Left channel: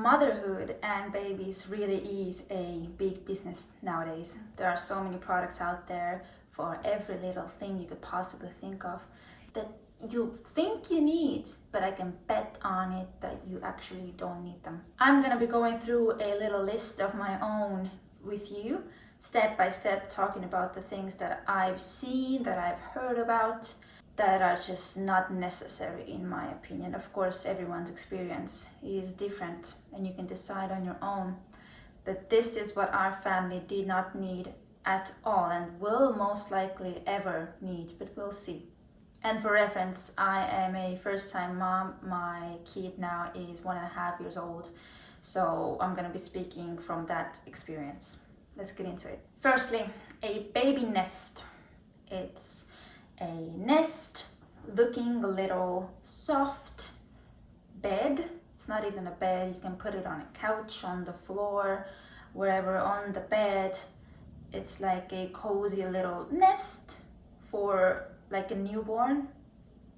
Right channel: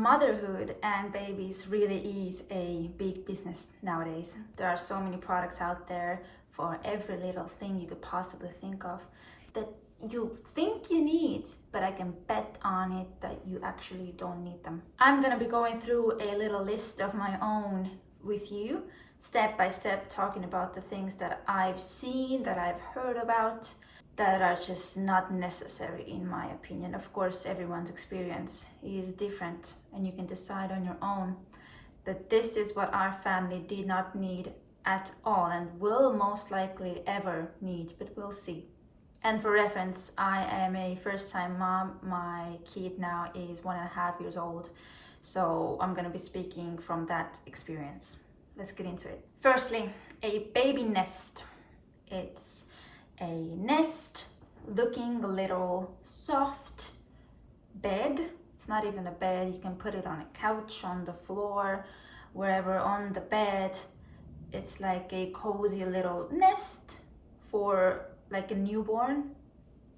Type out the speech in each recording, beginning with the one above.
Motherhood and babies really is a big business nowadays. There are so many products out there for every little thing you could possibly think of that you think you need, but I can bet on it that you actually don't need them. I'm gonna be going through a little list of my own with you, step by step, talking about the things that I've seen, that I've heard about, that are just not necessary in my opinion. Of course, everyone's experience is different and you can decide on your own. But this is what our family did not need at all and will most likely ever need, but we'll see. And for reference, I am a first-time mom. My kid now is 1.5 years old. So I'm gonna be speaking from that experience. Let's get into it. Firstly, a baby nest. It's a nest looking little soft bed. It's not even a bed. You can put it on a couch, on the floor, wherever on the bed. It's like a cozy little nest for like a newborn.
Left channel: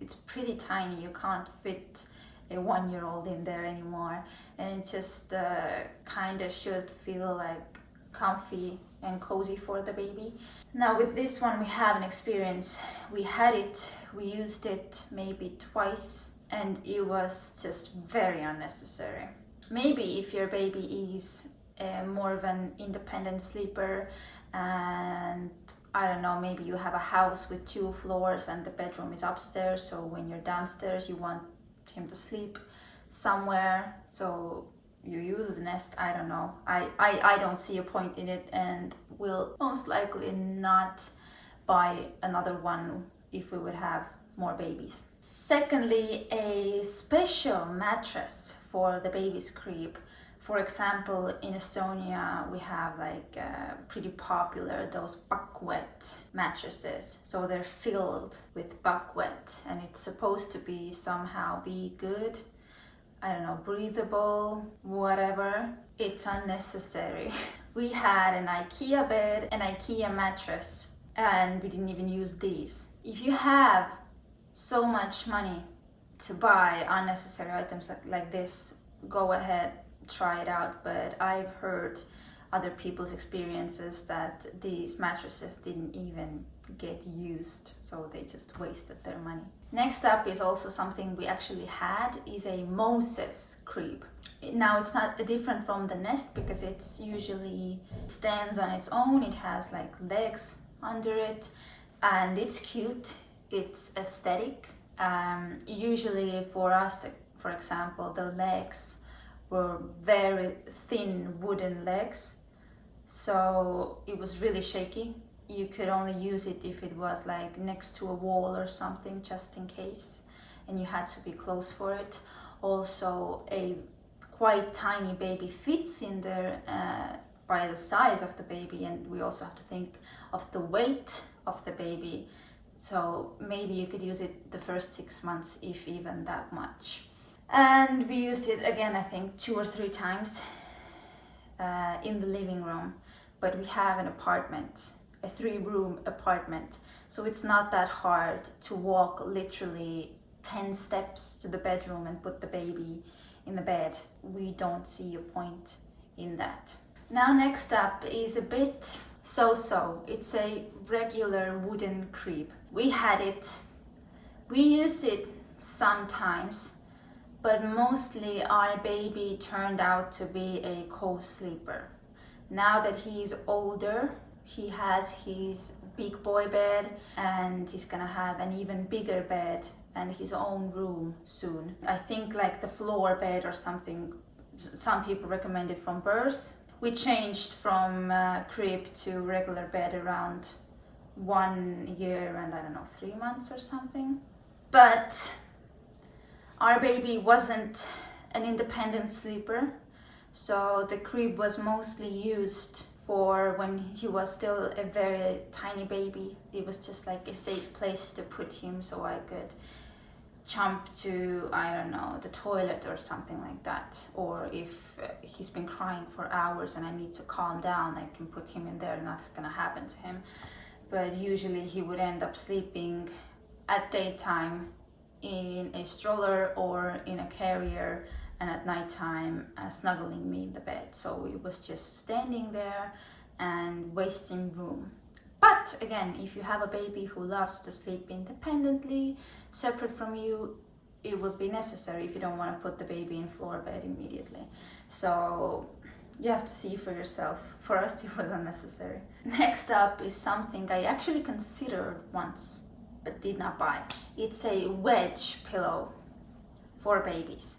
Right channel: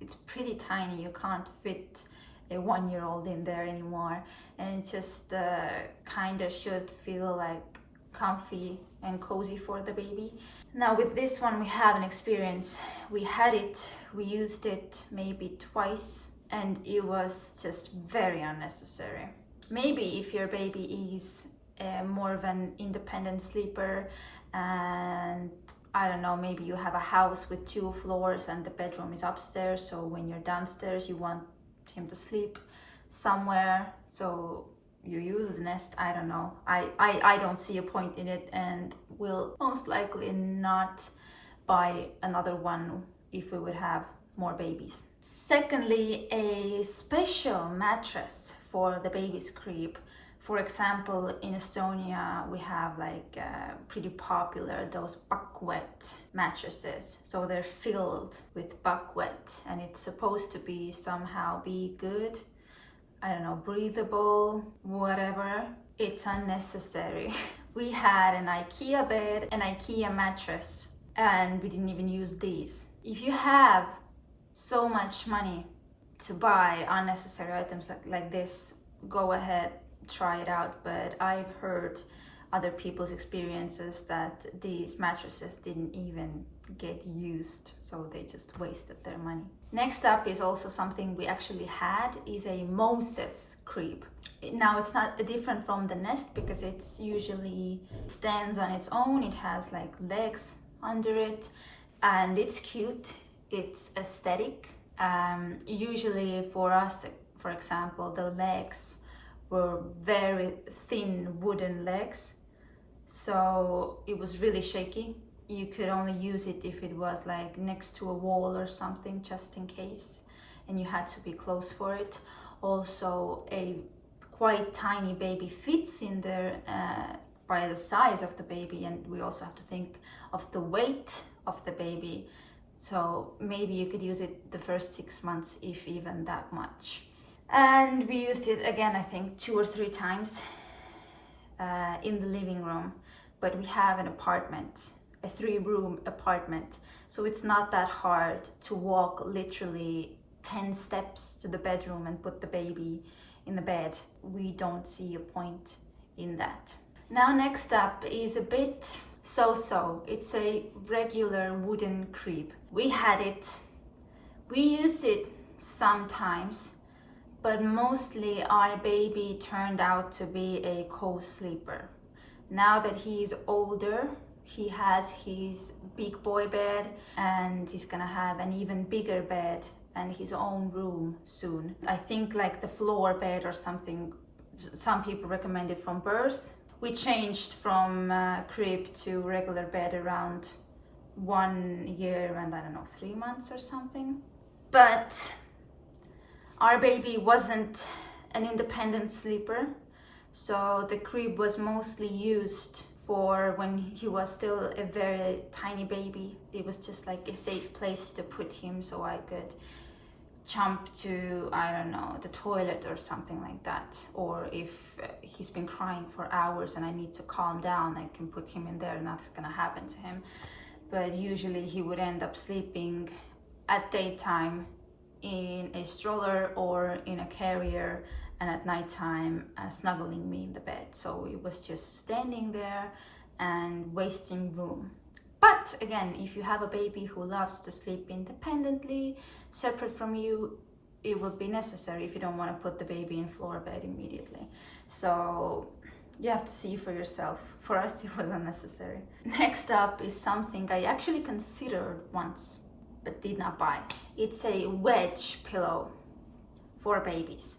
It's pretty tiny. You can't fit a 1-year-old in there anymore, and it just kind of should feel like comfy and cozy for the baby. Now with this one we have an experience. We had it, we used it maybe twice, and it was just very unnecessary. Maybe if your baby is more of an independent sleeper, and I don't know, maybe you have a house with 2 floors and the bedroom is upstairs, so when you're downstairs you want him to sleep somewhere, so you use the nest. I don't know. I don't see a point in it and will most likely not buy another one if we would have more babies. Secondly, a special mattress for the baby's crib. For example, in Estonia we have like pretty popular those buckwet mattresses. So they're filled with buckwet and it's supposed to be somehow be good. I don't know, breathable, whatever. It's unnecessary. We had an IKEA bed, an IKEA mattress, and we didn't even use these. If you have so much money to buy unnecessary items like this, go ahead, try it out. But I've heard other people's experiences that these mattresses didn't even get used, so they just wasted their money. Next up is also something we actually had, is a Moses crib. Now it's not different from the nest because it's usually stands on its own. It has like legs under it and it's cute, it's aesthetic. Usually for us, for example, the legs were very thin wooden legs, so it was really shaky. You could only use it if it was like next to a wall or something, just in case, and you had to be close for it. Also, a quite tiny baby fits in there by the size of the baby, and we also have to think of the weight of the baby. So maybe you could use it the first 6 months, if even that much. And we used it again, I think 2 or 3 times in the living room. But we have an apartment, a 3-room apartment, so it's not that hard to walk literally 10 steps to the bedroom and put the baby in the bed. We don't see a point in that. Now next up is a bit so-so. It's a regular wooden crib. We had it, we use it sometimes, but mostly our baby turned out to be a co-sleeper. Now that he's older, he has his big boy bed and he's gonna have an even bigger bed and his own room soon. I think like the floor bed or something, some people recommend it from birth. We changed from crib to regular bed around 1 year and I don't know, 3 months or something. But our baby wasn't an independent sleeper, so the crib was mostly used for when he was still a very tiny baby. It was just like a safe place to put him, so I could jump to, I don't know, the toilet or something like that. Or if he's been crying for hours and I need to calm down, I can put him in there and nothing's gonna happen to him. But usually he would end up sleeping at daytime in a stroller or in a carrier, and at nighttime snuggling me in the bed. So it was just standing there and wasting room. But again, if you have a baby who loves to sleep independently, separate from you, it would be necessary if you don't want to put the baby in floor bed immediately. So you have to see for yourself. For us, it was unnecessary. Next up is something I actually considered once, but did not buy. It's a Wedge pillow for babies.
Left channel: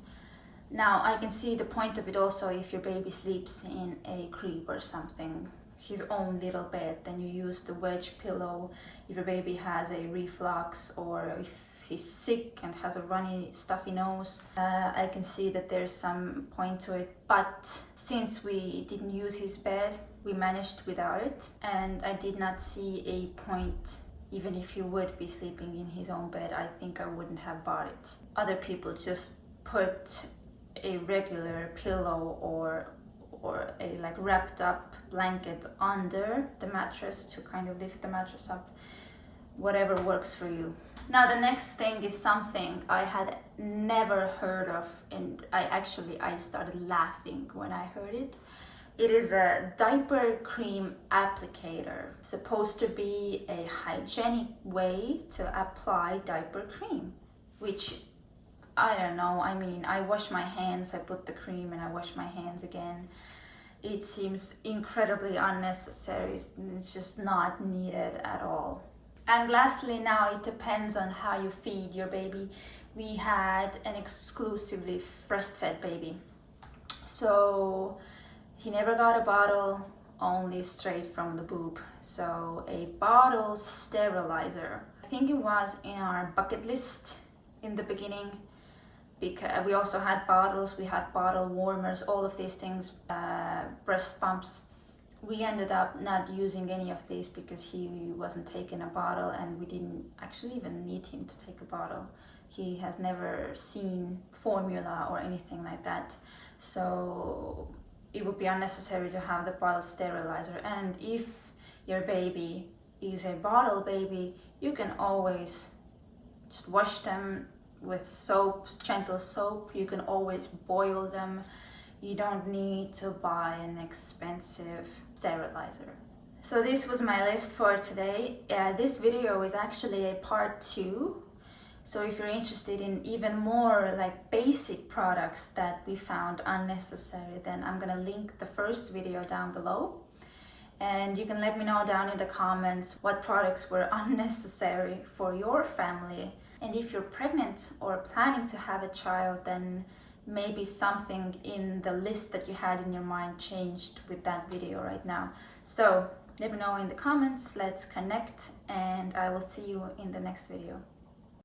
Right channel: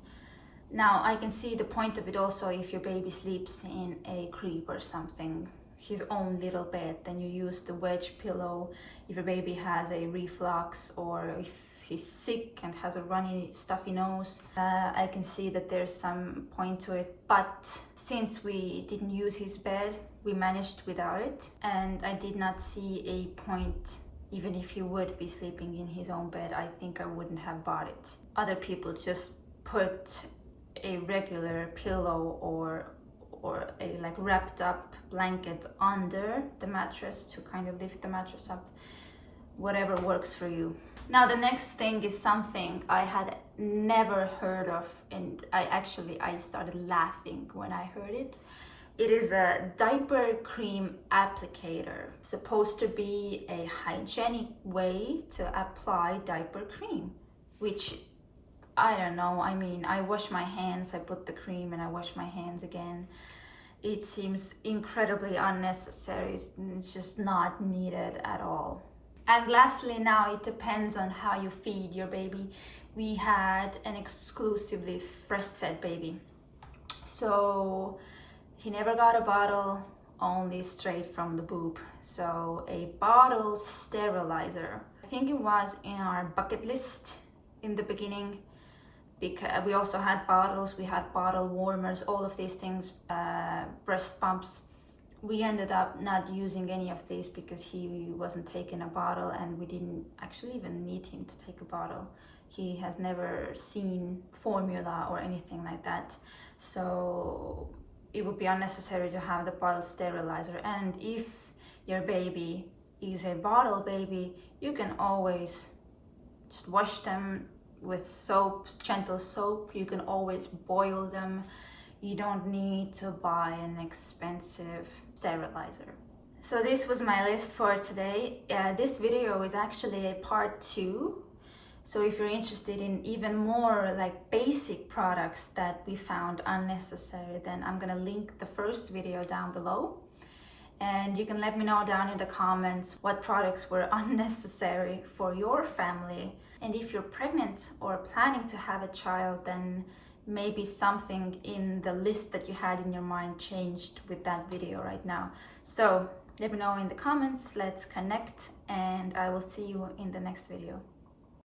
Now, I can see the point of it also if your baby sleeps in a crib or something, his own little bed, then you use the Wedge pillow. If your baby has a reflux or if he's sick and has a runny, stuffy nose, I can see that there's some point to it. But since we didn't use his bed, we managed without it. And I did not see a point, even if he would be sleeping in his own bed, I think I wouldn't have bought it. Other people just put a regular pillow or a like wrapped up blanket under the mattress to kind of lift the mattress up. Whatever works for you. Now the next thing is something I had never heard of, and I started laughing when I heard it. It is a diaper cream applicator, supposed to be a hygienic way to apply diaper cream, which I don't know. I mean, I wash my hands, I put the cream and I wash my hands again. It seems incredibly unnecessary. It's just not needed at all. And lastly, now it depends on how you feed your baby. We had an exclusively breastfed baby. So he never got a bottle, only straight from the boob. So a bottle sterilizer. I think it was in our bucket list in the beginning, because we also had bottles, we had bottle warmers, all of these things, breast pumps. We ended up not using any of these because he wasn't taking a bottle, and we didn't actually even need him to take a bottle. He has never seen formula or anything like that. So it would be unnecessary to have the bottle sterilizer. And if your baby is a bottle baby, you can always just wash them with soap, gentle soap. You can always boil them. You don't need to buy an expensive sterilizer. So this was my list for today. This video is actually a part 2. So if you're interested in even more like basic products that we found unnecessary, then I'm gonna link the first video down below. And you can let me know down in the comments what products were unnecessary for your family. And if you're pregnant or planning to have a child, then maybe something in the list that you had in your mind changed with that video right now. So let me know in the comments, let's connect, and I will see you in the next video.